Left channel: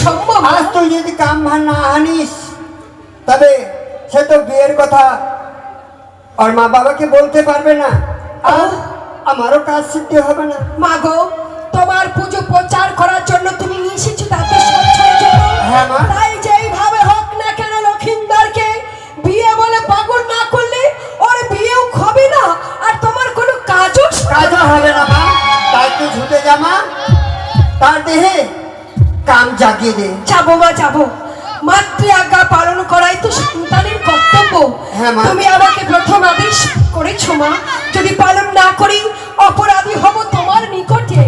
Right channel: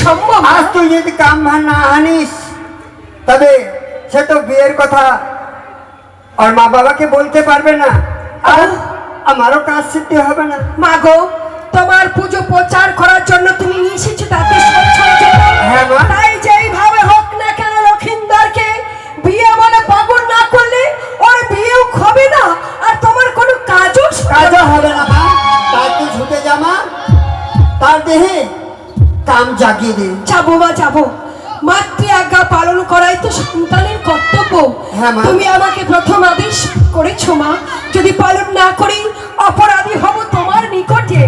সম্ভব আজ তুই যদি কাম না আনিস তবে সে তো বিয়ের কথা ওর মা বাবাকে বলতে পারবে না। আর আমারও কাজ সিদ্ধি হবে না। মা গো তোমার পুজো প্রচার করার জন্য তুমি নিয়ে এসেছ তাতে সব হ্যাঁ। তাই জাগিয়ে দে। যাব মা যাব। মাতৃ আজ্ঞা পালন করাই তো সন্তানের কর্তব্য। হ্যাঁ, মা। তুমি আমাকে প্রথম আদেশ করেছ মা। যদি পালন না করি অপরাধী হব তোমার নিকটে।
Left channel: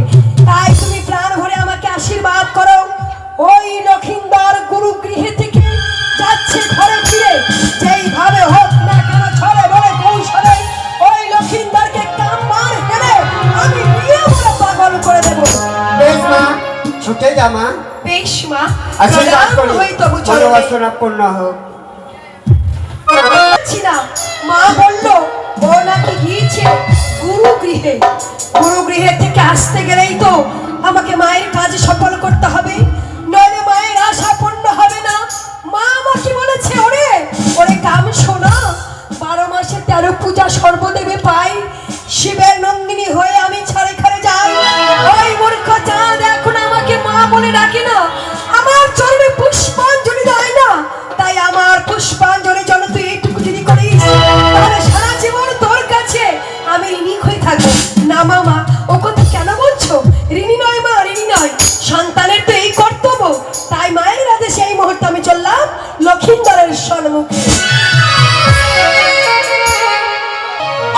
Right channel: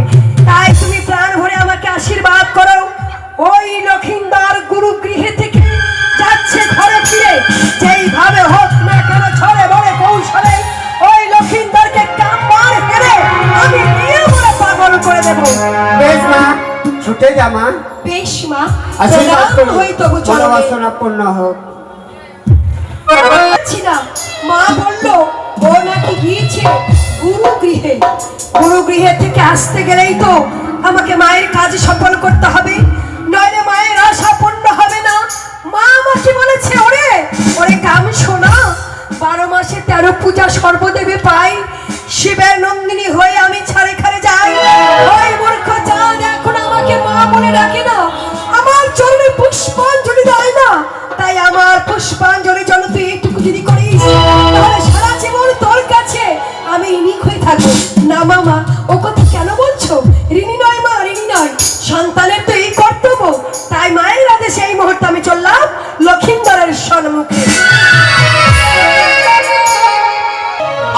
তাই তুমি প্রাণ ভরে আমাকে আশীর্বাদ করো। ওই লক্ষিন্দার গুরু গৃহে থেকে যাচ্ছে ঘরে ফিরে। যেইভাবে হোক না কেন ছড়ে বলে কৌশলে ওই লক্ষিন্দারকে কাম্বার হেরে আমি নিয়ে পাগল করে দেবো। বেশ মা। ছুটে বেশ মা। হোক। মা বলল ও নাকি গিয়েছে গুরু গৃহে গুরু গৃহে থেকে আসতে গেলেই তো আমাকে মায়ের কাজ সফল করতে হবে। নইলে মায়ের আশা পূর্ণ হবে না। মা আমাকে বলেছে ওরে ওরে কাম শোনা বারো মাসে তেরো পূজা সর্বদেবে পাই। শিবের নন্দিনী হয়ে আমি ছাড়ে সম্মুখে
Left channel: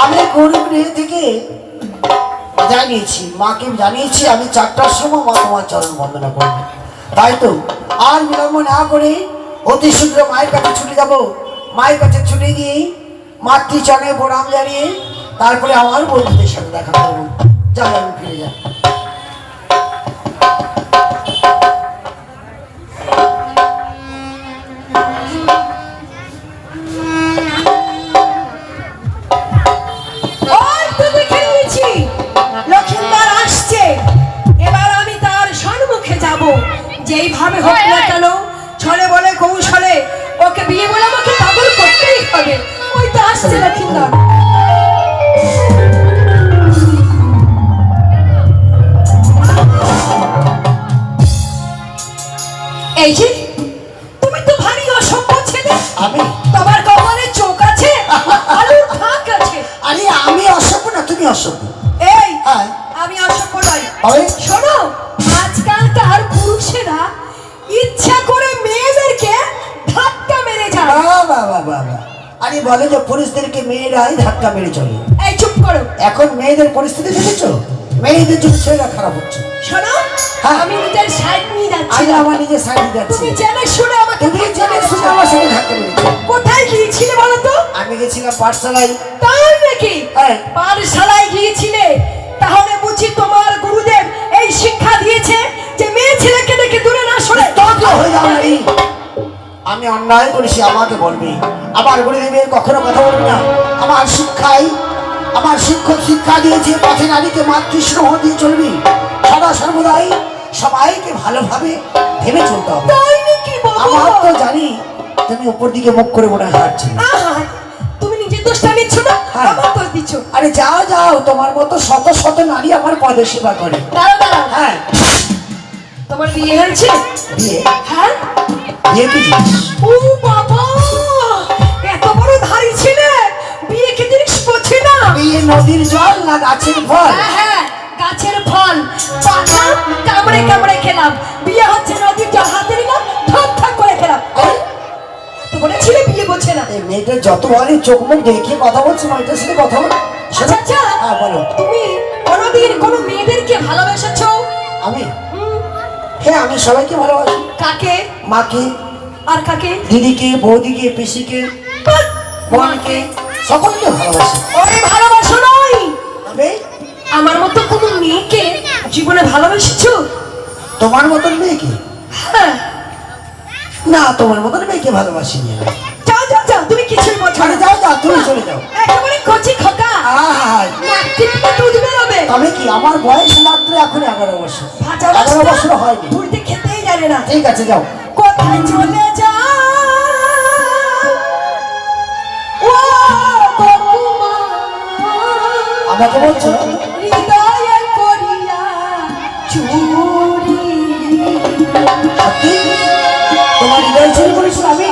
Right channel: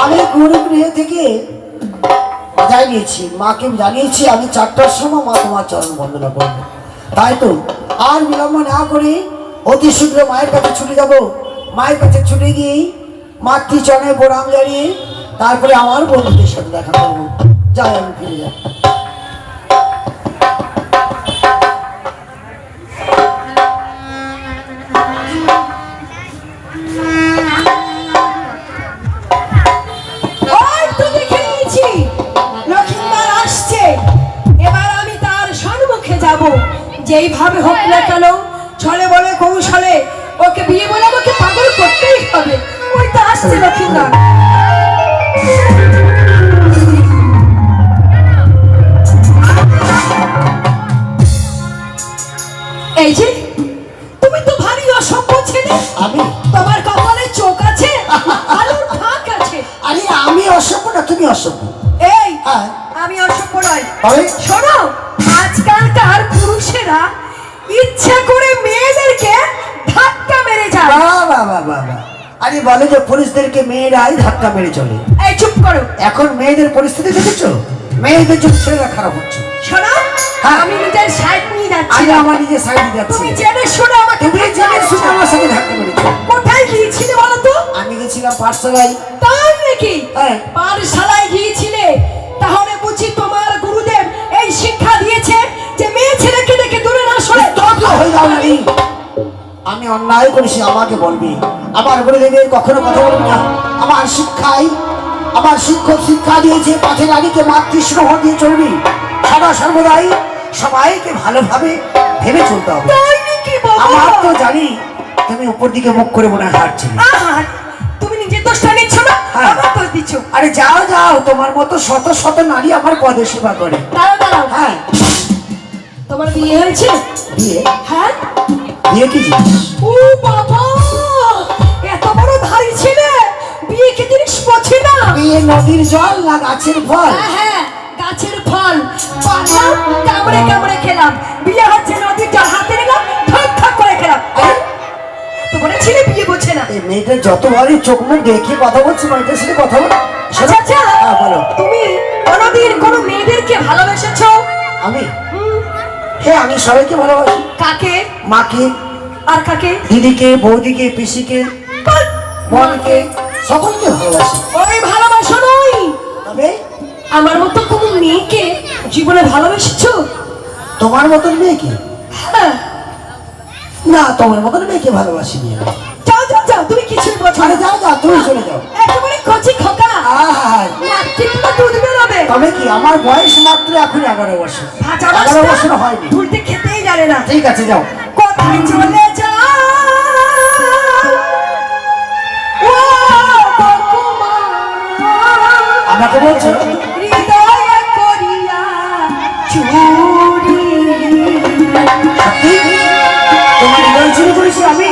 আমি গরু থেকে জানিয়েছি মাকে জানিয়েছি, আমি চারটার সময় মা তোমার চরণ বন্দনা করব। তাই তো, আর বিলম্ব না করে অতি শীঘ্র মায়ের কাছে ছুটে যাব। মায়ের কাছে ছুটে গিয়ে মাতৃ চরণে প্রণাম জানিয়ে তারপরে আমার বন্ধুদের সাথে দেখা করব। যাই, আমি ফিরে যাই। তো আসছে এই যে তুমি তো ভারী অসভ্য ছেলে। আমি? তোমার কপালে চোখ আছে আলুর ফাঁক আছে। আরে আমি অসভ্য না তুমি অসভ্য। এই হ্যাঁ। আমি অসভ্য নই। শোনো আজকালকার পুরুষেরা ইচ্ছা করে মেয়েদেরকে ধাক্কা মেরে যায়। বাবা বাবা বাবা আরে বলে যে পুলিশদেরকে মেয়েরাই ধাক্কা মেরে চলে। এই চুপ করো। এখন মেয়েদের পরিস্থিতি দেখেছ? মেয়েদের জন্য ছেলেরা খারাপ হচ্ছে। শোনো হ্যাঁ। আমি নিজের সাইড নিয়ে যাচ্ছি আজ আমার নিজের সাইড যাচ্ছে। তুমি জেনে শুনে আমাকে তুমি জেনে শুনে আমার সাথে ধাক্কা মেরেছো। কোথায় গিয়েছিলে বলো তো? আমি গেছিলাম পাঠশালায়। তাই নাকি? হ্যাঁ। পাঠশালায় গিয়েছিলে? তাহলে বুঝি তোমার গুরুদেব এই শিক্ষা দিয়েছে যে মেয়ে ছেলেকে দেখে দূরে না সরে তত হয়ে যাও নারী। আমি অন্যায় করেছি আমাকে বলবি। আমার বলে দেবে কখনো কথা বলবি না। আমার শিক্ষাই আমার শিক্ষক শিক্ষা দিয়েছে পথে নারীকে মাতৃস্নেহ দিয়ে চলবি। সদা সর্বদাই সবাইকে ভালোভাবে ভেবে চলতে হবে। আমার তো জানি তুমি উপর দিকে মুখ করে মনে হয় আহা, তুমি নিজের দোষটা নিচ্ছ না? হ্যাঁ। আমার দোষ দিচ্ছ। আরে যাও যাও তোমার মতো শত শত নারী আমার পদে সেবা করে। হ্যাঁ। তোমার বিয়ে হয়েছে? বিয়ে? হ্যাঁ। বিয়ে কি জিনিস? ও বাবা এত বড় ধারী ছেলে বিয়ে কি জিনিস বোঝে না? বিয়ে নদীর জল না গাছের ফল? হ্যাঁ হ্যাঁ গাছের ফল। পাতা কামড়ে কামড়ে খেলাম। বিয়ে হচ্ছে নদীর জল হাতে নিলাম ঠক ঠক করে খেলাম। তো বলেছিলে বিয়ে বোঝে না। মেয়েটা যতবারই চোখ মুখ দেখে কথা বলছে মেয়েটার সাথে কথা বল। আচ্ছা আচ্ছা হ্যাঁ বলো। তুমি কোনোদিন কোনো মেয়েদেরকে ভালোবেসেছো? আমি? হ্যাঁ আমি সবাইকে ভালোবাসি। কাকে? মাকে আর কাকে? দিদিকে বৌদিকে পিসিকে বোনকে সকলকে ভালোবাসি। ওই ভালোবাসা নয়। তবে আমার মতো কোনো মেয়েকে জীবনে ভালোবেসেছো? তোমার মতন মেয়েকে? হ্যাঁ। না তোমার মতন মেয়েকে ভালোবাসি নি। যাও যাও যাও তুমি বোঝো আরে যাও যাও তুমি চলে যাও। একেবারে কচি খোকা। তবে কি আমার বয়স মাত্র এখন এগারো বছর। এগারো বছর? হয়নি। উল্টে খেতেই জানে না। ঠিক আছে যাও। আমাকে বলছো? হৃদয়ে করিয়া চুরি। তোমার হৃদয় চুরি করেছি আমি?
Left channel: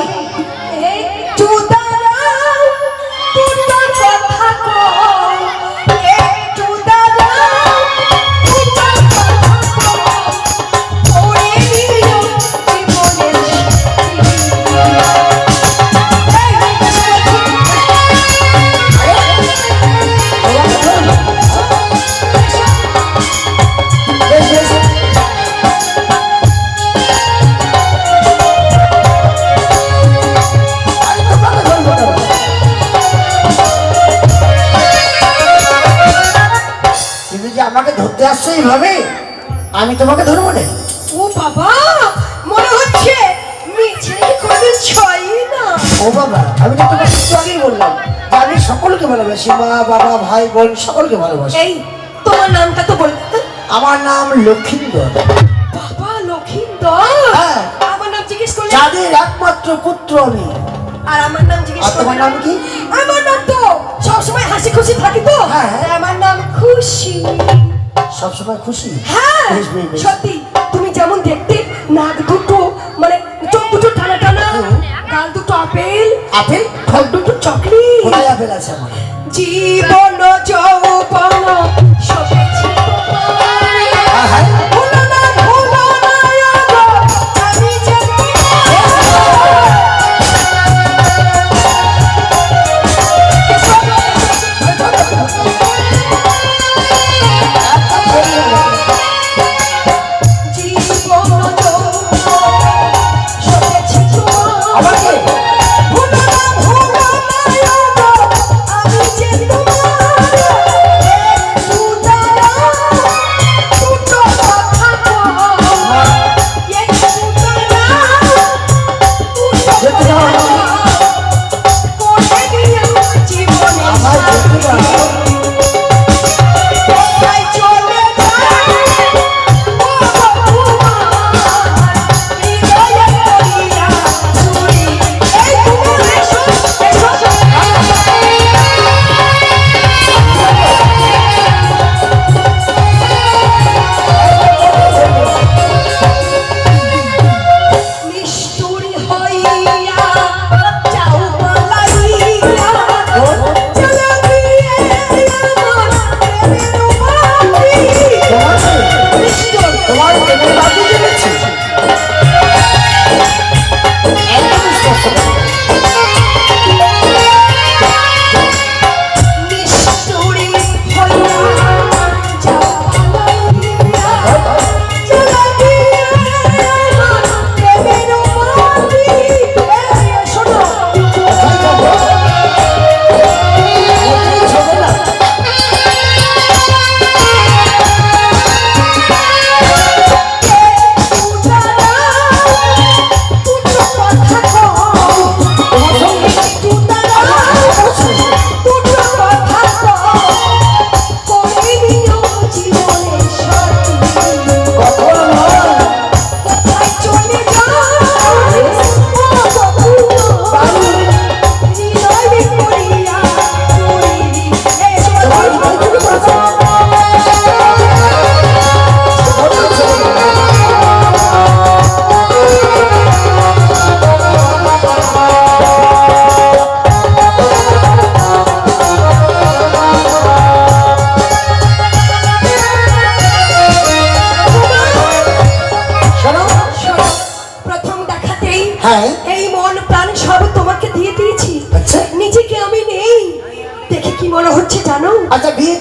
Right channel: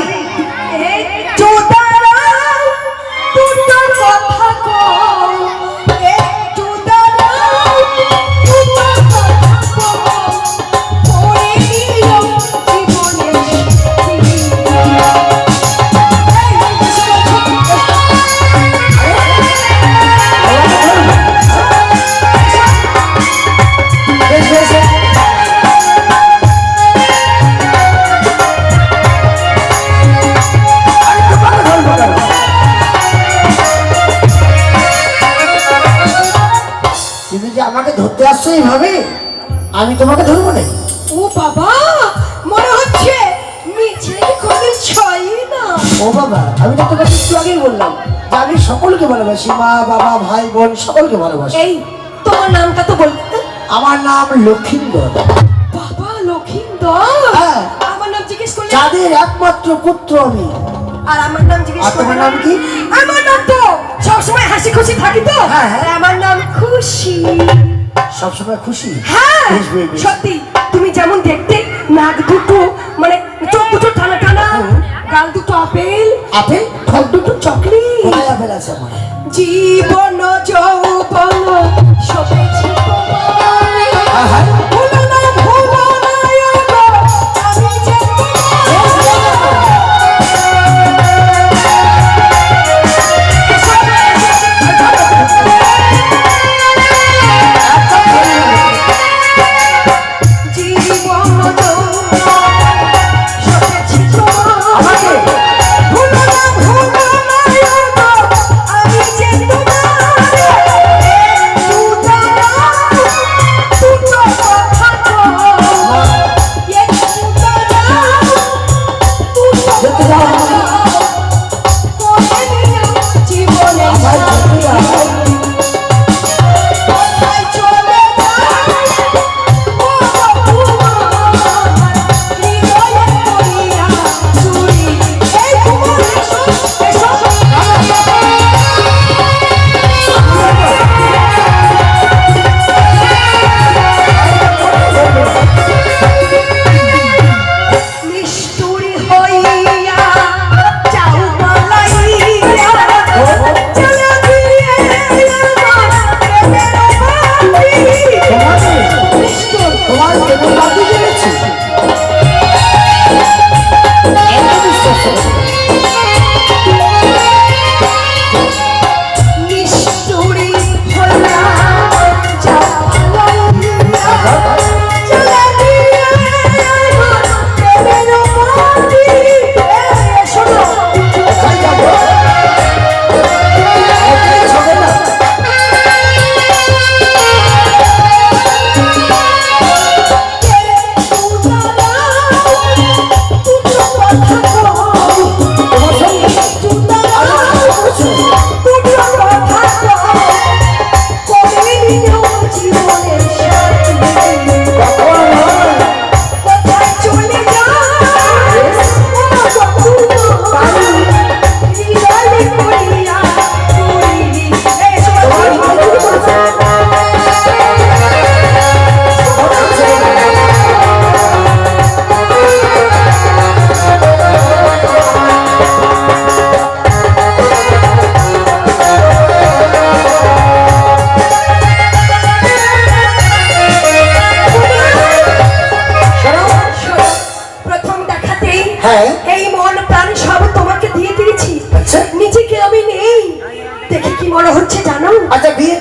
আমি তোমাকে ধরবো না? ও বাবা মনে হচ্ছে মিছিল কোনদিন ছয় না। ও বাবা আমি তো তোমাকে একটু আগেই বললাম। যে আমি সকলকে ভালোবাসি মা বাবা ভাই বোন সকলকে ভালোবাসি। এই তোমার নামটা তো বল আমার নাম লক্ষ্মীন্দর বাবা লক্ষিন্দর? হ্যাঁ। আমার নাম জিজ্ঞেস করলে যাদের একমাত্র পুত্র আমি। আর আমার নাম জিজ্ঞেস করলে সবসময় খুশি? হ্যাঁ। সত্যি তুমি যেমন দেখতে নাক দুটো মানে চোখ দুটো ঠান্ডা ঠান্ডা গাল দুটো আপেল আপেল? ঠোঁট দুটো চকলেট। আপেল আছে জীবন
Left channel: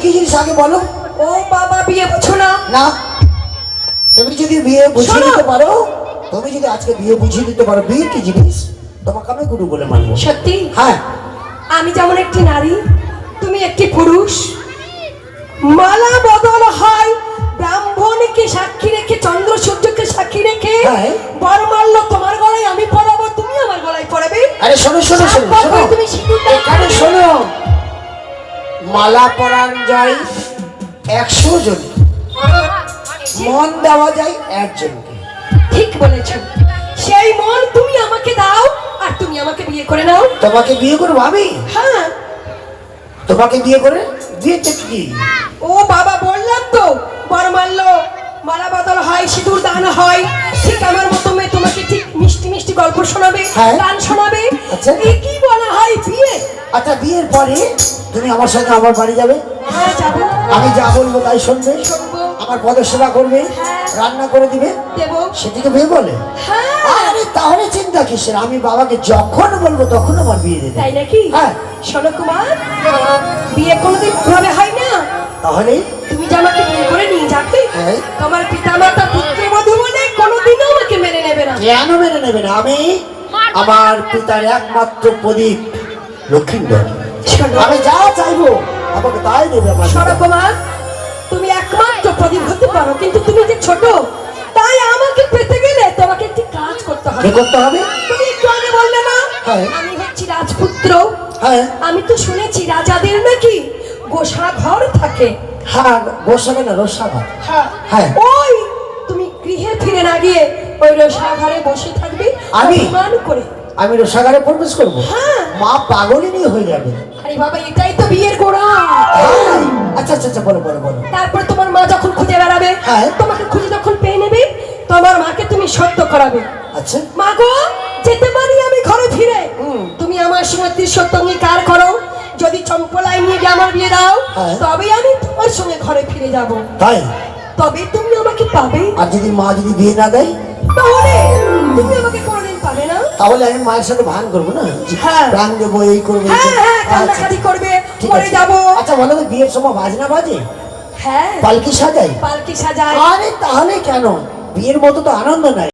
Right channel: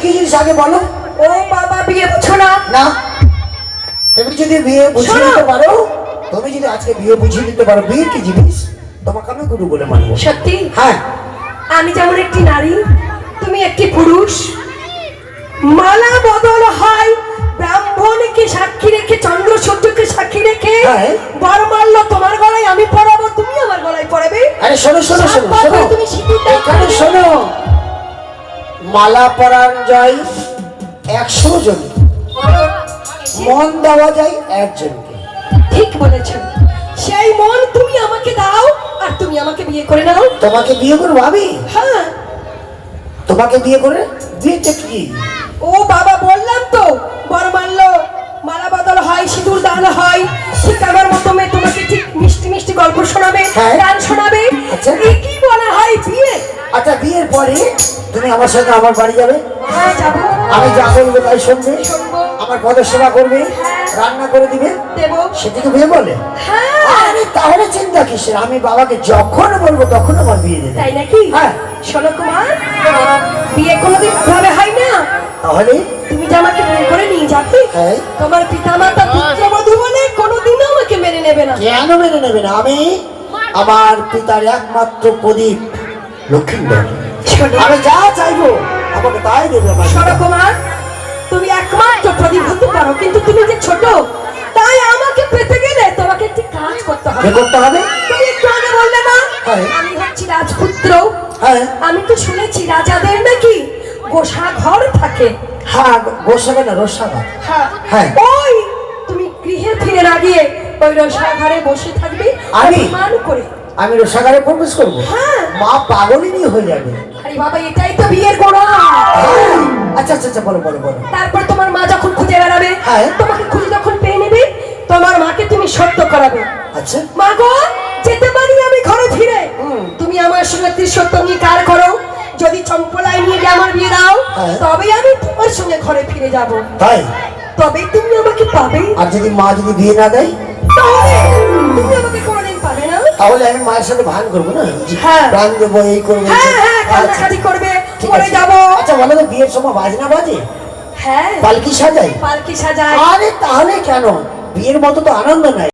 কি জিনিস আগে বলো? ও বাবা বিয়ে বুঝো না। না। তুমি যদি বিয়ে বুঝিয়ে। দিতে পারো তুমি যদি আজকে বিয়ে বুঝিয়ে দিতে পারো বিয়ে কি জিনিস? তোমাকে আমি গুরু বলে মানবো। সত্যি? হ্যাঁ। আমি যেমন একটি নারী তুমি একটি পুরুষ। মালা বদল হয় ব্রাহ্মণকে সাক্ষী রেখে চন্দ্র সূর্যকে সাক্ষী রেখে। হ্যাঁ। বরমাল্য তোমার গলায় আমি পরাবো তুমি আমার গলায় পরাবে। আরে শোনো শোনো শোনো তুমি সিঁদুর এখানে শোনো। মালা পরান যায় একশো জন মন দেওয়া যায় একজনকে। ঠিক বলেছ সেই মন তুমি আমাকে দাও আর তুমি আমাকে বিয়ে করে নাও। তোমাকে বিয়ে করব আমি? হ্যাঁ। তোমাকে বিয়ে করে বিয়েটা কি? ও বাবা বললাম তো বর মারলো মালা বদল হয় সিঁদুর দান হয় ঠিক আমার মতো মেয়ে তোমাকে ঠিক মিষ্টি মিষ্টি গল্প শোনাবে হ্যাঁ। গান শোনাবে। আচ্ছা। কি বলা হয় বিয়ে? আচ্ছা বিয়ের পরে তুমি আমার সঙ্গে আমার বাড়ি যাবে? হ্যাঁ আমি যা বলব তাই শুনবে। আমার পদের সেবা করবে রান্না করে দিবে। দেবো। সেটাকে বিয়ে বলে। হ্যাঁ। আরে তাহলে চিন্তা কিসের? আমি বাবাকে যখন বলব তখন আমার বিয়ে দেবে। তাই নাকি? হ্যাঁ। শোনো কুমার বিয়ে কোনোদিন ভাবে হয় না। তাহলে? তুমি যে আমাকে বিয়ে করে নিয়ে যাবে হ্যাঁ। তোমার পিতা মাতা পুত্রবধূ বলে কোনোদিনও আমাকে মেনে নেবে না। কেন মেনে নেবে না? আমি আমার পিতার একমাত্র প্রদীপ। লক্ষ্মীন্দর আমি যা চাইব আমাকে তাই দেবে আমার তুমি একমাত্র প্রদীপ হতে পারো কিন্তু তুমি যে ছোট তাই আমাকে পেতে গেলে তোমাকে একটি কাজ করতে হবে। করতে হবে? তুমি একটু আগে বললে না হ্যাঁ। আমি হচ্ছি রাজপুত্র। হ্যাঁ। আমি তো শুনেছি রাজাদের নাকি গোসা ঘর থাকে। হ্যাঁ গোসাবে না রসাবা হ্যাঁ। ওই তুমি গৃহে ফিরে না গিয়ে ওই বসে থাকবে আমি? করে। আমি রসাগারে প্রবেশ করব। হ্যাঁ। মা পাগলিনী হয়ে যাবে। আরে বাবা এটাই তো বিয়ের গোড়া। হ্যাঁ। আচ্ছা আচ্ছা আচ্ছা বলো বলো বলো। তারপর তোমার মা যখন খুঁজে বেড়াবে হ্যাঁ। তোমাকে খুঁজে যখন পেয়ে নেবে তোমার মাকে তুমি সত্য করাবে। আচ্ছা। মা গো যেতে পারি আমি ঘরে ফিরে। তুমি আমার সঙ্গে সত্য অঙ্গীকার করো। যদি চম্পলাই নিয়ে গিয়ে আমার বিয়ে দাও। তবে আমি তোমার সঙ্গে ঘরে ফিরে যাব। তাই? তবে তুমি আমাকে পাবে। আর যদি মা যদি বিয়ে না দেয়? তাহলে তুমি আমাকে কোনোদিন তাহলে আমি মায়ের সাথে ভান করব না? হ্যাঁ। ভান দেবো এই করব হ্যাঁ হ্যাঁ কালকে কান্নাকাটি করবে আচ্ছা বলো তো বিয়ের সময় বাজনা বাজে? হ্যাঁ। পালকি সাজাই? পালকি সাজাই। আরে তাহলে কেন? বিয়ের মতো তো আনন্দ নাই।